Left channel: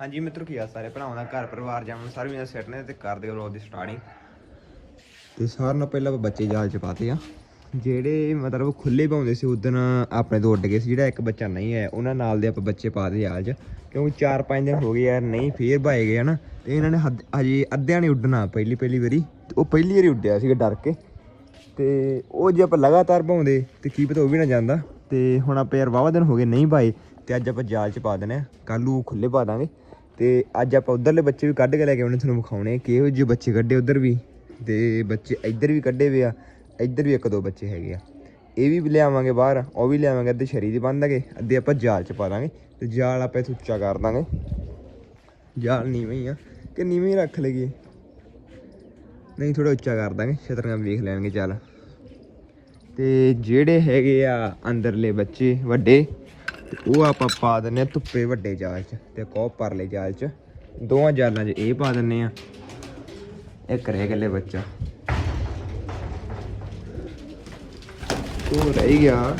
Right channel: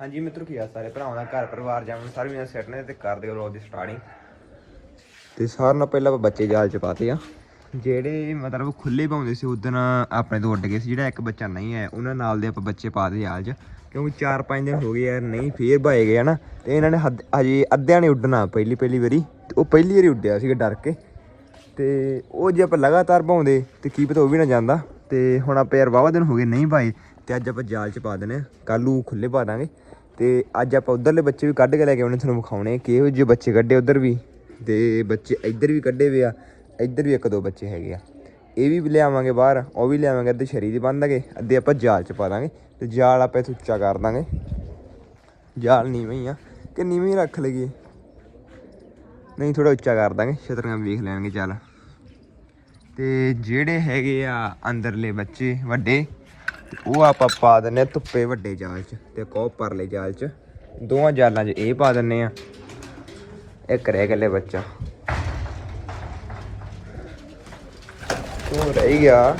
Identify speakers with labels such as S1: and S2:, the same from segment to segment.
S1: ਹਾਂਜੀ, ਮਿੱਤਰੋ, ਕੀ ਆ ਸਾਰੇ? ਭਰਾਵਾਂ ਦਾ ਘਰ, ਪਰਿਵਾਰ ਜਾਮਨ ਸਾਰੇ ਵੀਰਾਂ ਸੈੱਟ ਨੇ ਤੇ ਕਰਦੇ ਹੋ ਵਲੌਗ ਦੀ ਸਟਾਰਟਿੰਗ ਤੇ ਸਾਰਿਆਂ ਨਾਲ ਪਹਿਲਾਂ ਆਪਾਂ ਬੱਚੇ ਜਾਲ ਚ ਪਾਤੇ ਆ। ਜਿਹੜੇ ਮਤਲਬ ਖੁੱਲੇ ਪਾਉਂਦੇ ਸੀ ਉਦੋਂ ਆਪਣੇ ਤੋਂ ਉੱਡ ਗਏ ਸੀ। ਜਿਹੜਾ ਇੱਕ ਬੱਚਾ ਨਹੀਂ ਹੈ, ਉਹਨਾਂ ਨਾਲ ਦੇ ਆਪਾਂ ਬੱਚੇ ਪਾਦੇ ਜਾਲ ਚ। ਕਿਉਂਕਿ 4-5 ਦਿਨ ਹੋ ਗਏ ਯਾਰ, ਨਹੀਂ, ਫੇਰ ਭਾਏ ਗਏ ਹਨਾ ਤੇ ਇਹਨਾਂ ਨੇ ਹੱਦ- ਹਜੇ ਅੱਧਿਆਂ ਨੇ ਉੱਡਣਾ, ਪਹਿਲੀ ਪਹਿਲੀ ਵਾਰੀ। ਤੇ ਉਹ ਪਹਿਲੀ ਵਾਰੀ ਉੱਡਿਆ ਸੀਗਾ ਡਰ ਕੇ। ਤੇ ਉਹ ਜੇ ਆਪਾਂ ਲਗਾਤਾਰ ਪਾਉਂਦੇ, ਤੇ ਕੀ ਪਤਾ ਉਹ ਵੀ ਨਾ ਜਾਂਦਾ। ਤੇ ਹੁਣ ਆਪਾਂ ਯਾਰ ਵਾਵਾ ਦਿਨ ਹੋ ਗਏ ਨਹੀਂ ਭਾਈ ਤੇ ਅੱਜ ਆਪਾਂ ਜਾਲ ਚ ਪਾ ਦੇਣੇ ਆ। ਕੱਲ ਨੂੰ ਖੁੱਲੇ ਪਾ ਦਾਂਗੇ। ਤੇ ਅੱਜ ਆਪਾਂ ਉਧਰਲੇ ਬੱਚੇ ਵੀ ਕੱਢ ਕੇ ਲੈ ਕੇ ਆਉਣੇ, ਤੁਹਾਨੂੰ ਵਿਖਾਉਣੇ ਆ ਕਿਹੋ ਜਿਹੇ ਬੱਚੇ ਕੱਢੇ ਉਧਰ ਵੀ। ਤੇ ਬੱਚੇ ਇੱਧਰ ਵੀ ਕੱਢੇ ਵੇ ਆ, ਇੱਧਰ ਵੀ ਇੱਕ ਦੋ ਬੱਚੇ ਹੈਗੇ ਆ। ਇਹ ਵੀ ਲਿਆਵਾਂਗੇ ਬਾਹਰ, ਉਹ ਵੀ ਲਿਆਵਾਂਗੇ ਅੱਧੇ ਸ਼ਰੀ ਦੀ ਬੰਨ ਦਾਂਗੇ ਅੱਧੇ ਆਪਾਂ ਜਾਲ ਚ ਪਾ ਦਾਂਗੇ ਤੇ ਜਾਲ ਆਪਾਂ ਇੱਥੇ ਉੱਚਾ ਕਰ ਦਾਂਗੇ। ਜਾਲ ਨੀਵੇਂ ਹੀ ਆ, ਕਿ ਨੀਵੇਂ ਰੱਖ ਲਈਏ। ਨਹੀਂ ਥੋੜਾ ਉੱਚਾ ਕਰ ਦਾਂਗੇ, ਛਤਰੀਆਂ ਵੇਖ ਲੈਣਗੇ ਚੱਲ। ਤੇ ਜਿਹੜੇ ਹੈਗੇ ਆ ਅੰਦਰਲੇ ਬੱਚੇ ਵੱਡੇ ਤੇ ਉਹ ਆਪਾਂ ਪਾ ਦਿੰਨੇ ਆ ਧੁੱਪੇ ਵੱਡੇ ਜਾਲ 'ਚ ਤੇ ਕੋ ਪਰਲੇ ਜਾਲ 'ਚ। ਦੋਵਾਂ ਜਾਲਾਂ 'ਚ ਇਹ ਪਾ ਦਿੰਨੇ ਆ ਇੱਕ ਰਹਿ ਗੱਲੇ ਬੱਚਾ। ਉਹ ਰਹਿ ਗਿਆ।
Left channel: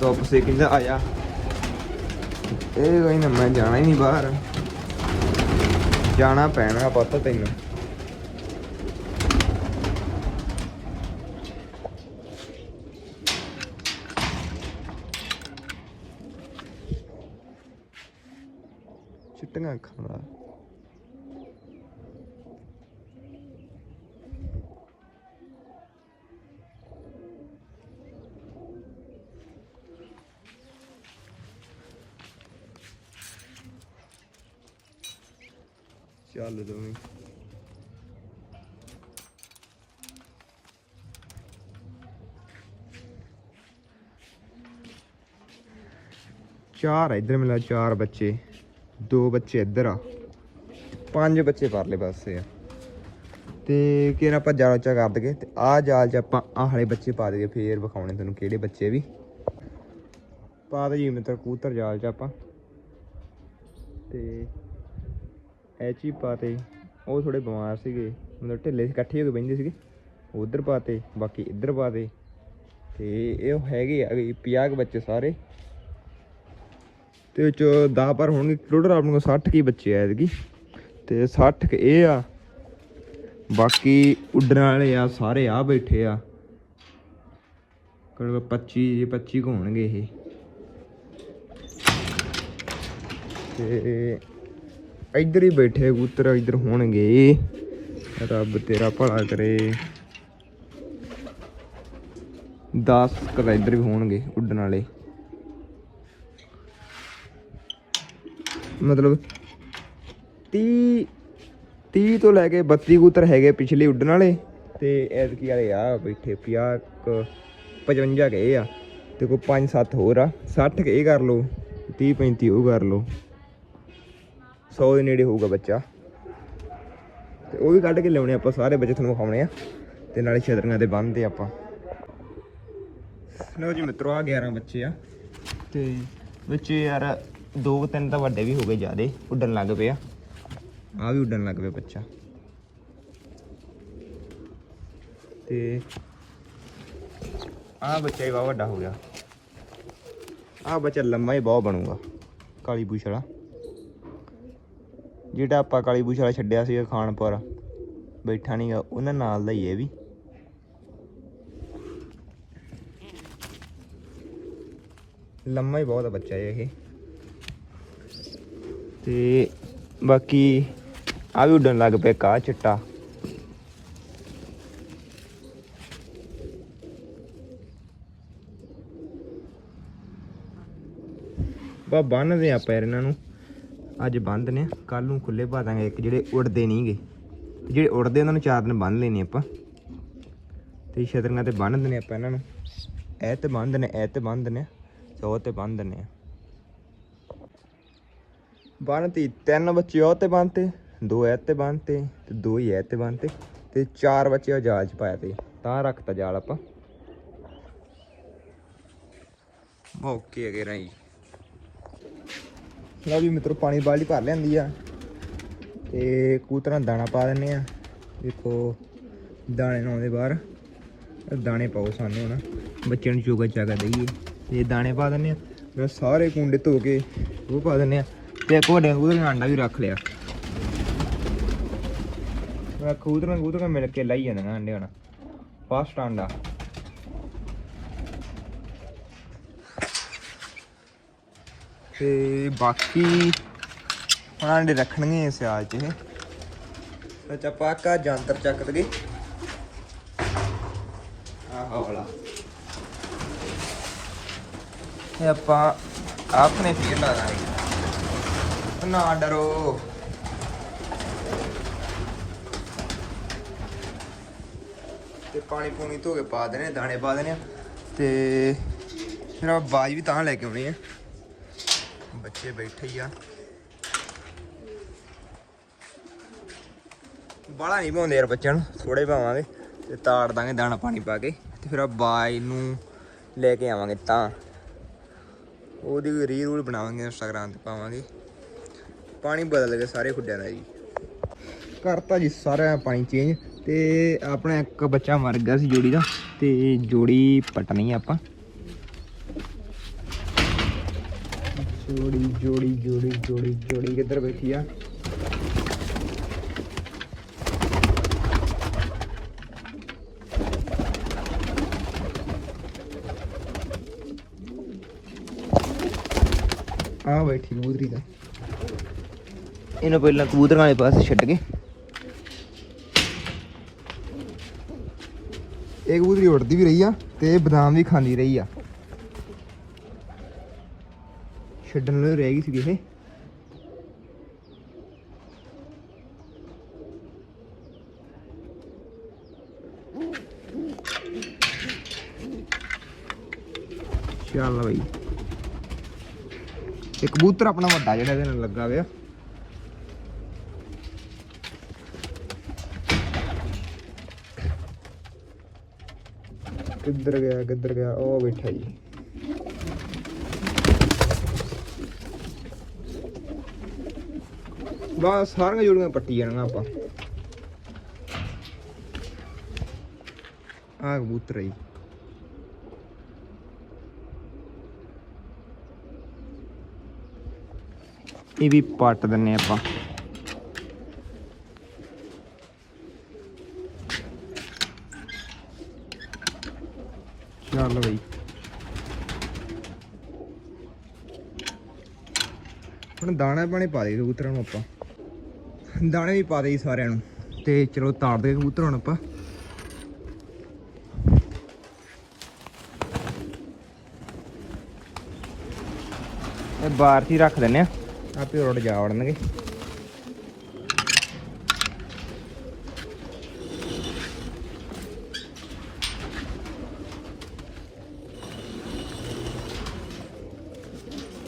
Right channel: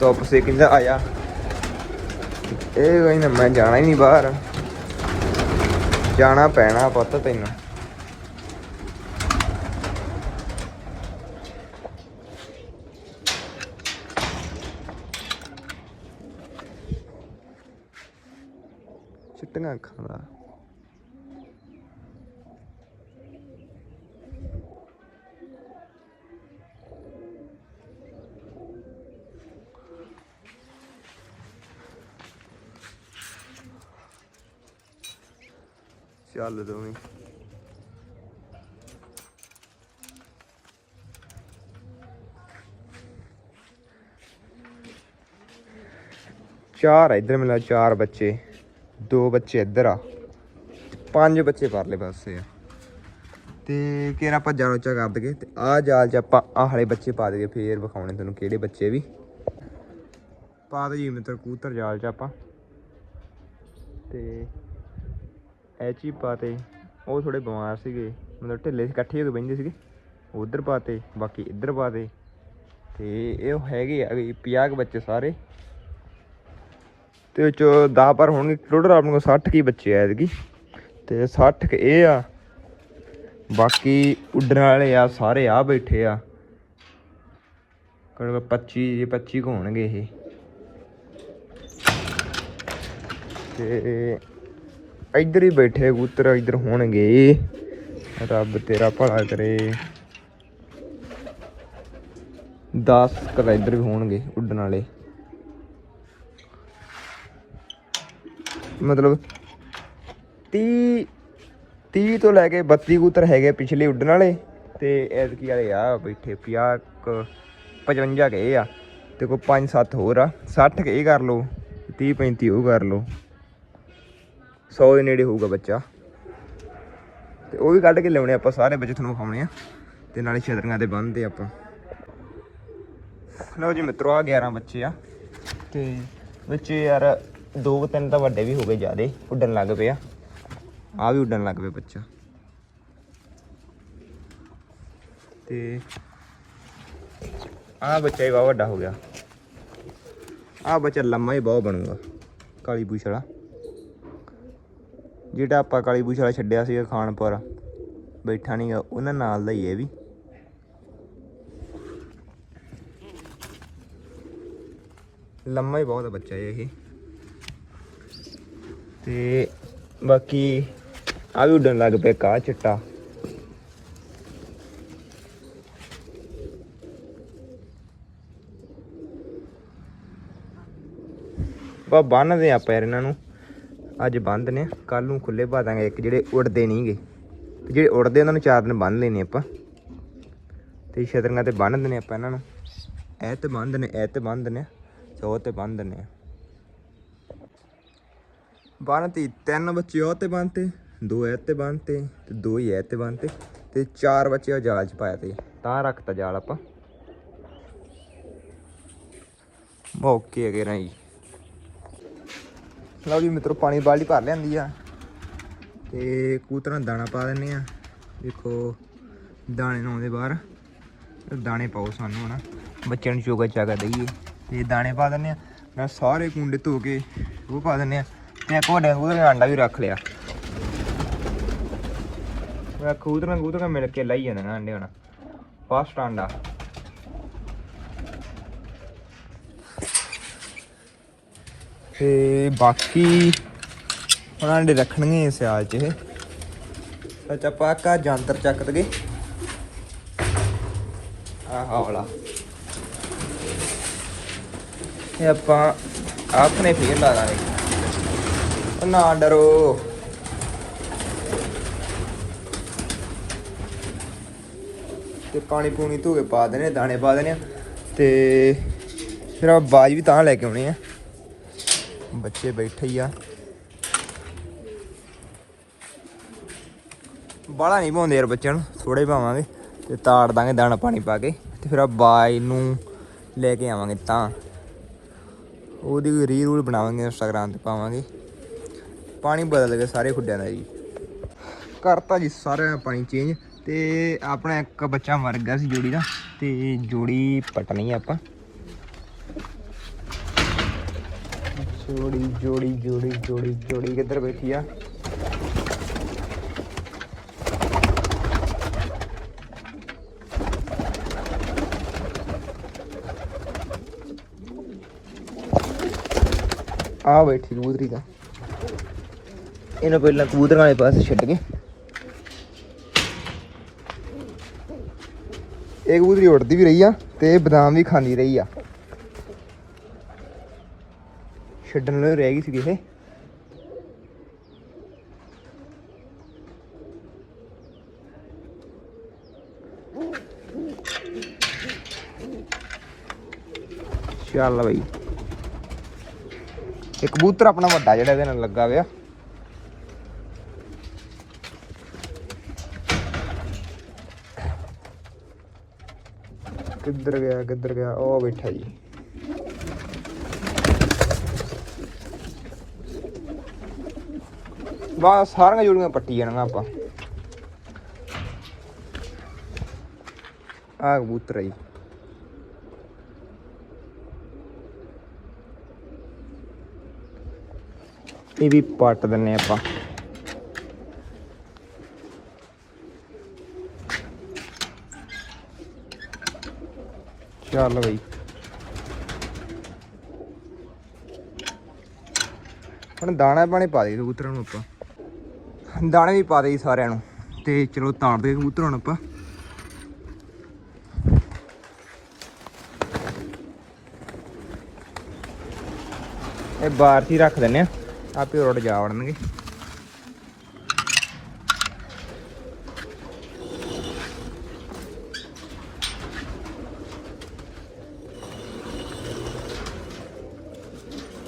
S1: ਧੁੱਪ ਸੇ ਕਿੰਨਾ ਆਇਆ? ਇਹ ਕੋਈ ਨਾ ਮੈਂ ਜਾਣਾ ਹੀ ਨਹੀਂ ਬਾਹਰ। ਜਾਣਾ ਪੈਣਾ ਪੁੱਤ ਤੈਨੂੰ ਚਿੱਟੀਆਂ ਅੱਖਾਂ ਦਾ ਚੱਲ ਦੋਵੇਂ ਚਾਰ ਆ ਇੱਧਰ ਮਿਲਾ ਚਾਰ ਬੱਚੇ ਦੋ ਬੱਚੇ ਇੱਧਰ ਆ ਪੰਜ ਬੱਚੇ ਪਰਲੇ ਪਾਸੇ ਆ ਤੇ ਕਿਹੜਾ ਆਪਾਂ ਜਾਣੋ ਉੱਚਾ ਕਰ ਦਗੇ ਤੇ ਆ ਜਾ ਅੱਜ ਆਪਾਂ ਆਹ ਵਾਲੇ ਬੱਚੇ ਪਾ ਦਈਏ ਫੇਰ ਵਿਖਾਉਣੇ ਤੈਨੂੰ ਕਿਹੜੇ ਬੱਚੇ ਵੀ ਪਾ ਦੇ ਜੀ ਮਿੱਤਰ ਕੂਤਰ ਜਾਲ ਚ ਆਪਾਂ ਤੇ ਐਚ ਹੀ ਪਾਤੇ, ਉਹ ਥੋੜੇ ਬਿਮਾਰ ਸੀਗੇ, ਮਤਲਬ ਢਿੱਲੇ ਸੀ, ਇਕੱਠੇ ਹੋ ਕੇ ਬੈਠੇ ਸੀਗੇ, ਉਧਰ ਪਾਤੇ, ਬਾਕੀ ਇੱਧਰ ਪਾਤੇ, ਤੇ ਇਹ ਹੈਗੇ ਆ 50 ਕੁ ਬੱਚੇ ਸਾਰੇ। ਤੇ ਵਿੱਚ 10 ਪਰ ਹੋਣਗੇ ਟੋਟਲ ਆਪਣੇ ਕੋਲ 60 ਕੀ ਬੱਚੇ ਆ ਐਤਕੀ। ਤੇ 60 ਕੁ ਇਹ ਆ, ਬਾਕੀ ਉੱਡਣ ਵਾਲੇ ਆ, ਸਾਰੇ ਆ ਬੈਠੇ ਆ। ਕੋਲ 25 ਜੇ 25 ਕੁ ਹੋਣਗੇ ਇਹ। ਤੇ ਇੱਧਰ ਹੀ ਬੈਠੇ, ਕਬੂਤਰ ਇੱਧਰ ਹੋਣਗੇ। ਰੱਬ ਤੇਰਾ ਭਲਾ ਕਰੇ। 10 ਕਦਾ ਇੱਧਰ ਵੀ ਹੋਣਗੇ, ਉੱਡਣ ਵਾਲੇ। ਮਤਲਬ 30 30 ਤੋਂ ਲੈ ਕੇ 32 ਕਬੂਤਰ ਹੈਗੇ ਪਿਛਲੇ ਉੱਡਣ ਵਾਲੇ ਤੇ ਐਤਕੀ ਵਾਲੇ ਆ ਬੈਠੇ 50 ਕੁ 55 ਕੇ ਆ। ਤੇ ਕੋਈ 5 7 ਹੋਰ ਆ। 60 ਕੇ ਕਰ ਲਓ 30 35 ਉਹ ਕਰ ਲਓ। 100 ਦੇ ਨੇੜੇ ਹੋਊਗਾ ਬੱਚਾ। ਤੇ ਉਹ ਵੀ ਕੱਢ ਕੇ ਲਿਆਉਣੇ ਆਪਾਂ ਸਾਰੇ ਬੱਚੇ ਤੁਹਾਨੂੰ ਵਿਖਾਉਣੇ ਆ। ਤੇ ਨਾਲੇ ਛਤਰੀਆਂ ਤੇ ਬੰਨਦੇ ਆਪਾਂ। ਲਓ ਜੀ ਮਿੱਤਰੋ ਆ 11 ਬੱਚੇ ਆ। ਤੇ ਬੱਚੇ ਯਾਰ, ਦੋ ਕੁ ਤਿੰਨ ਤਾਂ ਵੱਡੇ ਵੀ ਹੋ ਗਏ ਜਿਆਦੇ, ਉੱਡਣ ਲੱਗ ਪਏ ਆ। ਆ ਵੀ ਉੱਡਣ ਲੱਗ ਪਿਆ ਬੱਚਾ। ਤੇ ਆ ਬੱਚਾ ਹੀ ਬਹੁਤ ਵੱਡਾ ਹੋ ਗਿਆ। ਆ ਬੱਚਾ ਲੰਮਾ ਹੀ ਬਹੁਤ ਬਣੂਗਾ, ਕਾਲੀ ਪੂਛ ਵਾਲਾ। ਜਿਹੜਾ ਆਪਾਂ ਕਾਲੀ ਪੂਛ ਵਾਲਾ ਛੱਡਿਆ ਸੀਗਾ ਖਾਨਪੁਰ ਬੈਠਾ ਨਹੀਂਗਾ ਉਹਨਾਂ ਨਾਲ ਦਾ ਹੀ ਹੈ ਵੀ। ਲੰਮਾ ਹੀ ਬਹੁਤ ਆ ਬੱਚਾ ਇਹ। ਤੇ ਬਾਕੀ ਆ ਵੀ ਉੱਡਣ ਲੱਗ ਪਿਆ ਕਾ ਚਿੱਟਾ। ਬਾ ਬੰਨਦੇ ਆਪਾਂ ਯਾਰ ਇਹਨਾਂ ਨੂੰ। ਅੱਜ ਬੰਦ ਨੇ ਕੱਲ ਨੂੰ ਖੁੱਲੇ ਪਾ ਦਾਂਗੇ ਇੱਕ ਜਿਹੜੇ ਉੜਦੇ ਨਹੀਂਗੇ। ਤੇ ਜਿਹੜੇ ਉੜਦੇ ਉਹਨਾਂ ਨੂੰ ਚਾਰ ਦਿਨ ਬੰਨ ਲੈਣੇ ਆਪਾਂ। ਤੇ ਛਤਰੀਆਂ ਤੇ ਬੰਨ ਦਿੰਨੇ ਆਪਾਂ ਇਹਨਾਂ ਨੂੰ। ਇਹ ਤੇ ਬੰਨ ਦਿੰਨੇ ਇਹ ਤੇ ਬੰਨ ਦਿੰਨੇ ਸੋ ਤੇ ਬੰਨ ਦਿੰਨੇ ਆ ਬੰਨਤੀ, ਤਿੰਨ ਬੱਚੇ ਉਹ ਤੇ ਬੰਨਤੇ, ਦੋ ਇਹ ਤੇ ਬੰਨਤੇ, ਤੇ ਦੋ ਹੀ ਇਹ ਤੇ ਬੰਨਤੇ, ਤੇ ਚਾਰ ਬੱਚੇ ਉਹ ਜਾਲ ਚ ਪਾਇਆ ਤੇ, ਤਾਂ ਰੱਖਤਾ ਜਾਲ ਆਪਾਂ। ਓਕੇ ਅਗੇ ਰਹੀ। ਲਓ ਜੀ ਮਿੱਤਰੋ, ਪਾਣੀ ਬਾਲਟੀ ਭਰ ਲਿਆਂਦੀ ਆ ਤੇ ਕੂਤਰਾ ਦਾਣਾ ਪਾ ਦਿੰਨੇ ਆ। ਦੇਖੋ, ਦਾਣੇ ਨੂੰ ਆਉਂਦੇ ਬਾਹਰ। ਦਾਣੇ ਪਾਓ ਸਾਨੂੰ ਹਨਾ। ਬੱਚਿਆਂ ਨੂੰ ਚੋਗਾ ਚਾਗਾ ਦਈਏ। ਤੇ ਦਾਣੇ ਪਾ ਦਿੰਨੇ ਆ। ਮੈਂ ਸਾਰੇ ਕੁੰਡੇ ਧੋ ਕੇ ਉਹ ਪਾ ਦਿੰਨੇ ਆ। ਤੇ ਇੱਕ ਵੱਡੇ ਕਬੂਤਰ ਦਾ ਆਂਡਾ ਵੀ ਰੱਖ ਲਿਆ। ਮੈਂ ਕਬੂਤਰਾਂ ਕਬੂਤਰਾਂ ਮਿਲ ਕੇ ਲਾਈ ਜਾਂਦਾ ਨਾ ਆਂਡੇ ਹਣਾ ਫਾਸਟ ਆਂਡਾ ਤੇ ਬਾਕੀ ਉਹਨਾਂ ਨੇ ਰੱਖਣਗੇ ਸਿਆਲ ਚ ਇਹ। ਅੱਛਾ ਪਾਕਾ ਜੰਤਰ ਚੱਕ ਦਗੇ ਆਹ ਵਾਲਾ ਇਹ ਆਪਾਂ ਆਪਣੇ ਫੇਰ ਲਾ ਲਾਂਗੇ। ਉਹ ਨਾ ਡਰੋ। ਤੇ ਪਾਣੀ ਪੂਣੀ ਧੋ ਕੇ ਪਾ ਦੇਣੇ, ਦਾਣੇ ਪਾ ਦੇਣੇ ਆ। ਤੇ ਫਿਰ ਆ ਬਾਜ ਵੀ ਤਾਂ ਲੈ ਕੇ ਆਉਣੀ ਆ। ਬੱਚੇ ਬੈਠੇ ਹੀ ਆ। ਬਾਲਾ ਨਹੀਂ ਪਾਉਂਦੇ ਯਾਰ ਬੱਚਿਆਂ ਨੂੰ ਥੋੜੇ ਪਾਵਾਂਗੇ ਤੇ ਤਾੜ ਦਾਂਗੇ ਦਾਣਾ ਪਾਣੀ ਪਾ ਕੇ ਤੇ ਫਿਰ ਆ ਬਾਈ ਨੂੰ ਲੈ ਕੇ ਆਵਾਂਗੇ ਤਾਂ। ਉਹਦੀ ਰੀ ਰੂਲ ਬਣਾਵਾਂਗੇ ਇੰਸਟਾਗ੍ਰਾਮ ਤੇ ਪਾਵਾਂਗੇ। ਪਾਣੀ ਬਦਲ ਗਿਆ ਸਾਰੇ ਖੁੱਡਿਆਂ ਦਾ ਜੀ। ਕਰਤਾ ਜੀ ਸਾਰਾ ਪਾਣੀ ਚੇਂਜ ਤੇ ਆਪਣਾ ਇੱਕ ਬੱਚਾ ਮਰ ਗਿਆ ਸੀ ਜੋੜੀ ਦਾ ਤੇ ਜੋੜੀ ਪਟਣੀ ਆਪਾਂ। ਜੋੜੀ ਜੋੜੀ ਜੋੜੀ ਜੋੜੀ ਜੋੜੀ। ਕਿੱਧਰ ਬੈਠੀ ਆ? ਆ ਬੈਠੀ ਕਬੂਤਰੀ ਦਾ ਇਹਨੂੰ ਪਹਿਲਾਂ ਕਬੂਤਰਾਂ ਵਾਲੇ ਪਾਸੇ ਛੱਡ ਕੇ। ਇਹ ਕਬੂਤਰੀ ਉੱਡਦੀ ਵੀ ਰਹੀ ਆ ਤੇ ਬਦਾਮ ਵੀ ਖਾਂਦੀ ਰਹੀ ਆ। ਛੱਡਣ ਨੂੰ ਰਹਿ ਗਈ ਸੀ ਇਹ। ਚੱਲ ਬਈ। ਇੱਕ ਕਬੂਤਰ ਆਪਣਾ ਵੱਡਾ ਜਿਹੜਾ ਇਹਦੇ ਨਾਲ ਲੱਗਾ ਹੋਇਆ। ਕਿੱਧਰ ਗਿਆ ਕਿੱਧਰ ਗਿਆ? ਉਹ ਬੈਠਾ ਜੀ। ਬਸ ਸਾਰੀਆਂ ਜੋੜੀਆਂ ਪੱਟੀ ਜਾਣੀਆਂ ਆਪਾਂ। ਆ ਕਬੂਤਰ ਆ ਇਹ ਵੀ ਪੱਟ ਦਿੰਨੇ ਆਪਾਂ। ਚੱਲ ਬਈ। ਹੁਣ ਦਾਣਾ ਪਾਣੀ ਪਾ ਦੇ ਕਬੂਤਰਾਂ ਨੂੰ ਆਪਾਂ। ਦਾਣੇ ਵੀ ਪਾ ਦੇ ਜੀ ਸਾਰਿਆਂ ਨੂੰ। ਤੇ ਚਲੋ ਤਾੜ ਦੇ ਕਬੂਤਰਾਂ ਨੂੰ ਆਪਾਂ। ਇਹ ਬਾਹਰ ਹੀ ਰੱਖ ਦਿੰਨੇ ਆ ਆਪੇ ਰੋਡ ਜਾ ਵੜਨਗੇ।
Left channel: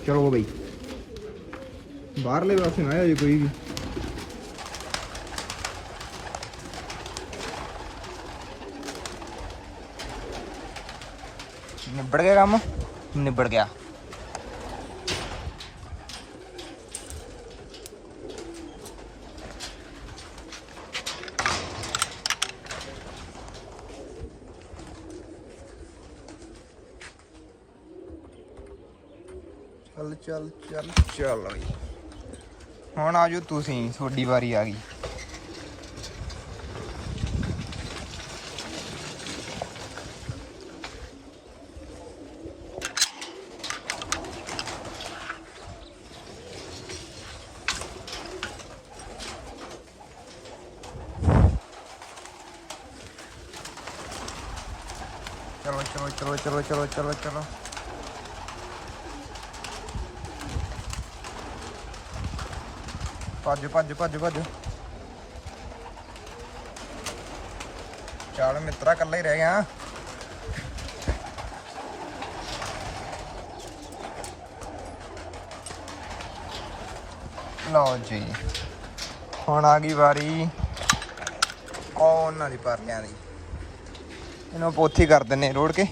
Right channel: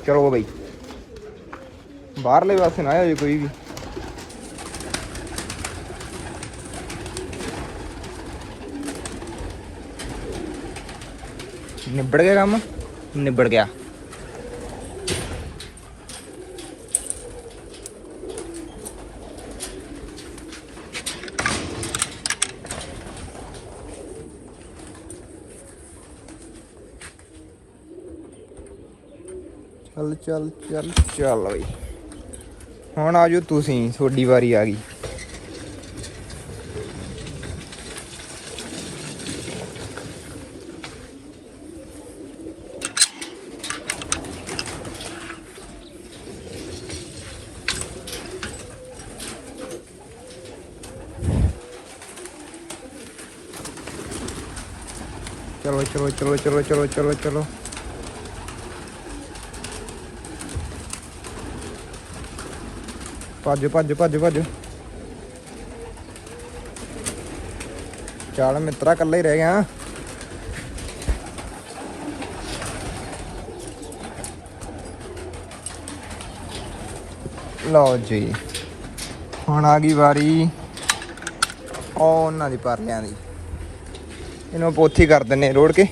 S1: ਚਲੋ ਬਈ। ਬਾਹਰਲੇ ਪਾਸੇ ਨਾ ਆਏ ਕੋਈ ਵੀ। ਨਿਬੜ ਗਿਆ ਕੰਮ ਨਿਬੜ ਗਿਆ। ਚੱਲ ਚੱਲ ਚੱਲ ਚੱਲ ਬਈ। ਹੁਣ ਆਜੋ ਤੁਸੀਂ, ਤੁਹਾਡੀ ਵਾਰੀ ਆ ਗਈ। ਚਲੋ ਚਲੋ ਚਲੋ ਚਲੋ ਚਲੋ ਚਲੋ ਚਲੋ। ਭੱਜ ਭੱਜ ਭੱਜ ਭੱਜ। ਚੱਲ ਮਿੱਤਰਾ ਇਕੱਲਾ ਹੀ ਰਹਿ ਗਿਆ। ਲਓ ਜੀ, ਹੁਣ ਆ ਗਈ ਵਾਰੀ। ਉਹਨਾਂ ਦੀ ਪਰਲਿਆਂ ਦੀ। ਇਹਨੂੰ ਪੋਥੀ ਕਰ ਦਿੰਨੇ ਰੋੜ ਕੇ।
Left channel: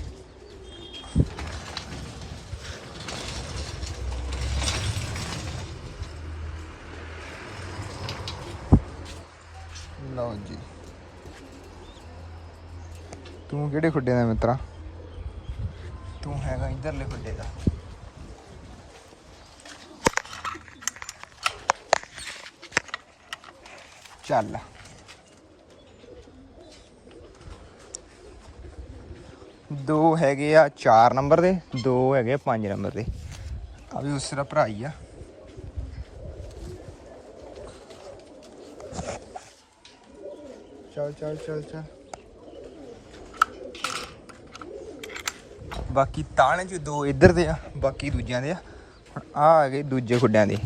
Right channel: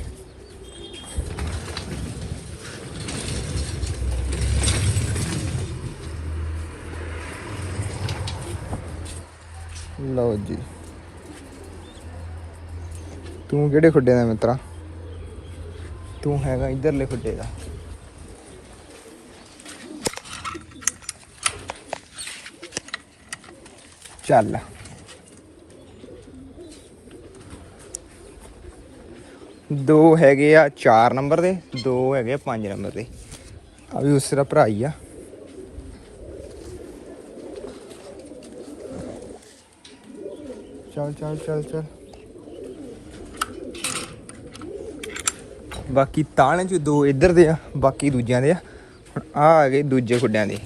S1: ਲਓ ਜੀ। ਤੂੰ ਕਿਹੜੇ ਖੁੱਡੇ ਦਾ ਮਿੱਤਰਾ? ਤੂੰ ਹੈਗਾ ਇਧਰਲੇ ਖੁੱਡੇ ਦਾ। ਚੱਲ। ਦੋ ਹੈਗੇ ਆ 4 ਨੰਬਰ ਦੇ, ਦੋ ਹੈਗੇ ਆ 5 ਨੰਬਰ ਦੇ। ਆ ਵੀ ਉਸ ਭਰਾ ਹੀ ਆ। ਚੱਲ ਚੱਲ ਚੱਲ ਚੱਲ। ਬਾਕੀ ਤਾਲੇ ਚ ਦੋ ਇੱਧਰ ਦੇ ਆ, ਬਾਕੀ ਦੂਜਿਆਂ ਦੇ ਆ। ਹੁਣ ਆ ਆ ਗਏ ਦੂਜੇ ਖੁੱਡਿਆਂ ਦੇ।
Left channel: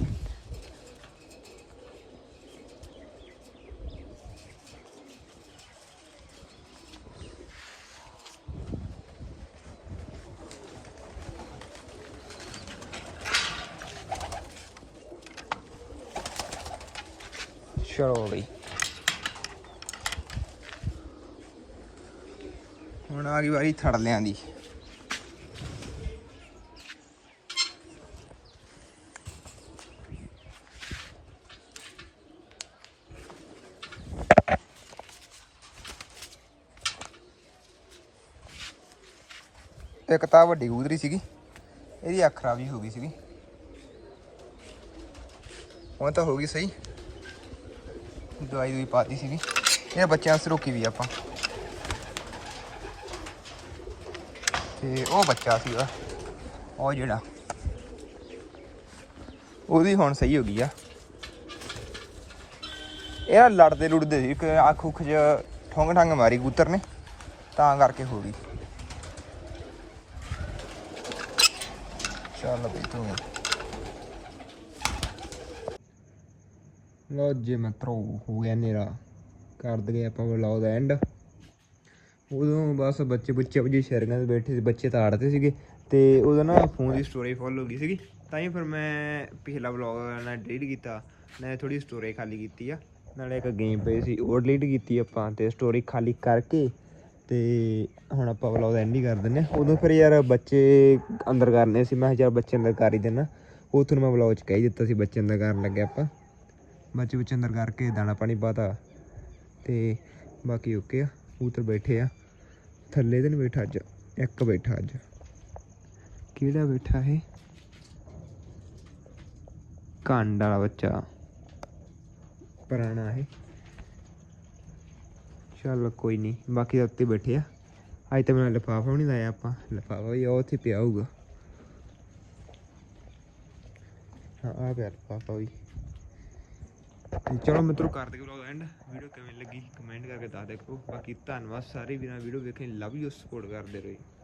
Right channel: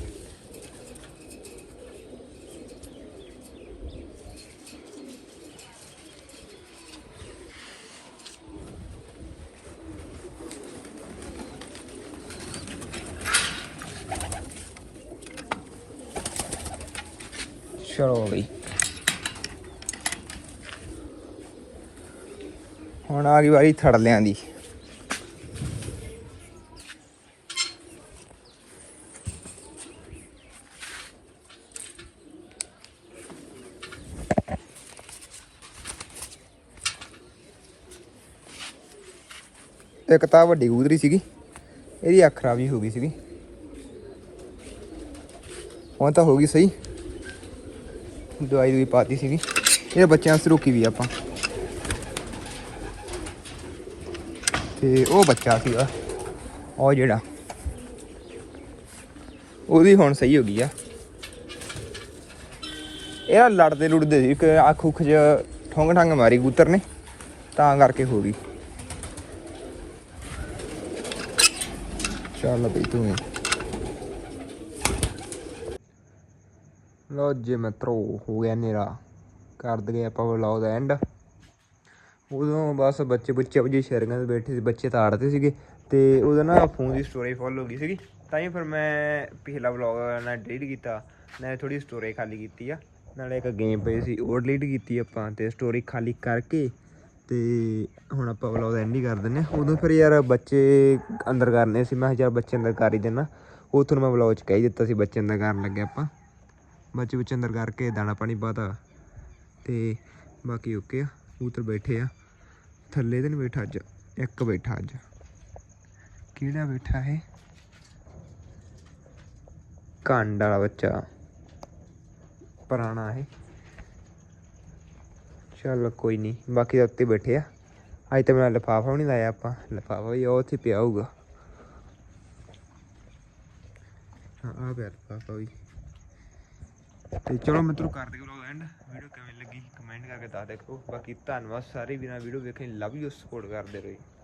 S1: ਚਲੋ ਬਈ ਹੁਣ ਆ ਗਈ ਵਾਰੀ ਥੜਲਿਆਂ ਦੀ। ਇੱਕ ਤਾਂ ਵੱਡੀ ਕਬੂਤਰੀ ਸੀਗੀ, ਇਹਦੀ ਅੱਖ ਖਰਾਬ ਹੀ ਹੋ ਗਈ ਸੀਗੀ। ਹੁਣ ਤਾਂ ਹੋ ਗਈ ਸਹੀ। ਦਵਾਈ ਵੀ ਪਾਤੀ ਸੀਗੀ। ਇਹ ਬੱਚਿਆਂ ਸਰੋਕੀ ਵੀ ਆਪਾਂ। ਤੇ ਉਹ ਬੱਚਾ ਸੀਗਾ, ਉਹ ਜਿਹੜਾ, ਉਹਦੀ ਹੁਣ ਸਹੀ ਹੋ ਗਈ ਆ। ਇਹ ਲੜਦੇ ਲੁੜਦੇ ਸੀ ਕਿ ਅੱਖ ਉੱਖ ਚ ਠੰਗ ਠੰਗ ਮਾਰੀ ਕੂਤਰ ਨੇ, ਤਾਂ ਕਰਕੇ ਹੋ ਗਈ। ਚੱਲ ਬਈ ਤੂੰ ਲੋ ਜੇ ਮਿੱਤਰੋ, ਹੋ ਗਿਆ ਨੇਰਾ ਕਰ ਦਗੇ ਆਪਾਂ ਵਲੌਗ ਦਾ ਐਂਡ ਉਦੋਂ ਬਸ ਬੱਚੇ ਬੱਚੇ ਵਜੇ ਸ਼ੇਅਰਿੰਗਾਂ ਤੇ ਬੈਠੇ ਸੀ, ਬੱਚੇ ਤਾੜਦੇ ਸੀਗੇ। ਤੇ ਉਹਦਾ ਨਾ ਫੋਨ ਦੀ ਸਟੋਰੀ ਫੁੱਲ ਹੋ ਗਈ ਸੀਗੀ। ਤਾਂ ਹੀ ਫਿਰ ਮੈਂ ਪਿਛਲਾ ਵਲੌਗ ਨਾਲ ਡਿਲੀਟ ਕੀਤਾ। ਨਾਲੇ ਥੋੜੀ ਸਟੋਰੀ ਖਾਲੀ ਕੀਤੀ ਆ। ਨਾਲੇ ਇੱਕ ਗੇਮ ਪਈ ਸੀ, ਉਹ ਡਿਲੀਟ ਕੀਤੀ ਆਪਾਂ। ਤੇ ਸਟੋਰੀ ਖਾਲੀ ਕਰਕੇ ਤੇ ਹੁਣ ਆਪਾਂ ਵਲੌਗ ਐਂਡ ਹੀ ਕਰ ਦਿੰਨੇ ਆ। ਉਦੋਂ ਫਿਰ ਯਾਰ ਬੱਚੇ ਅੰਦਰ ਕਰਨੇ ਸੀ। ਮੈਂ ਯਾਰ ਚੱਲ ਬੱਚੇ ਅੰਦਰ ਕਰ ਹੀ ਦੇਣਾ ਉਹ ਤੁਹਾਨੂੰ ਮੈਂ ਵਲੌਗ ਚ ਕਹਿ ਹੀ ਦਿੱਤਾ ਸੀ, ਬੱਚੇ ਅੰਦਰ ਕਰਨ ਲੱਗੇ ਆਪਾਂ। ਬੱਚੇ ਵਿੱਚ ਅੰਦਰ ਕਰਕੇ ਦਾਣਾ ਪਾਣੀ ਪਾਤਾ ਤੇ ਬਾਕੀ ਓਕੇ ਆ ਉਤਰ ਬੈਠੇ ਆ। ਥੱਲੇ ਤੇ ਨਹੀਂ ਬੈਠਾ ਅੱਜ, ਇੱਕ ਬੈਠਾ ਅੱਜ। ਕਿਹੜਾ ਬੈਠਾ ਹੈ ਕੰਡ ਵਾਲਾ ਬੱਚਾ। ਪੁਰਾਣਾ ਹੈ ਚੱਲ ਕੋਈ ਨਹੀਂ, ਬਾਕੀ ਤਾਂ ਉੱਤੇ ਬੈਠੇ ਆ। ਅੱਜ ਤਾਂ ਮੇਰਾ ਲਿਫਾਫਾ ਵੀ ਨਹੀਂ ਲਾਇਆ ਆਪਾਂ। ਲਿਫਾਫਾ ਵੀ ਉਹ ਉੱਥੇ ਪਿਆ ਹੋਊਗਾ। ਹਾਂ ਆ ਪਿਆ ਲਿਫਾਫਾ ਵੀ। ਤੇ ਚਲੋ ਮਿੱਤਰੋ ਕਰ ਦਿਓ ਵਲੌਗ ਐਂਡ ਵੀਡੀਓ ਕਿਵੇਂ ਲੱਗੀ ਕਮੈਂਟ ਕਰਕੇ ਦੱਸ ਦਿਓ ਬਾਕੀ ਧੰਨਵਾਦ ਸਾਰੇ ਵੀਰਾਂ ਵੀਡੀਓ ਵੇਖਣ ਲਵ ਯੂ ਸਪੋਰਟ ਕਰਦੇ ਰਹੋ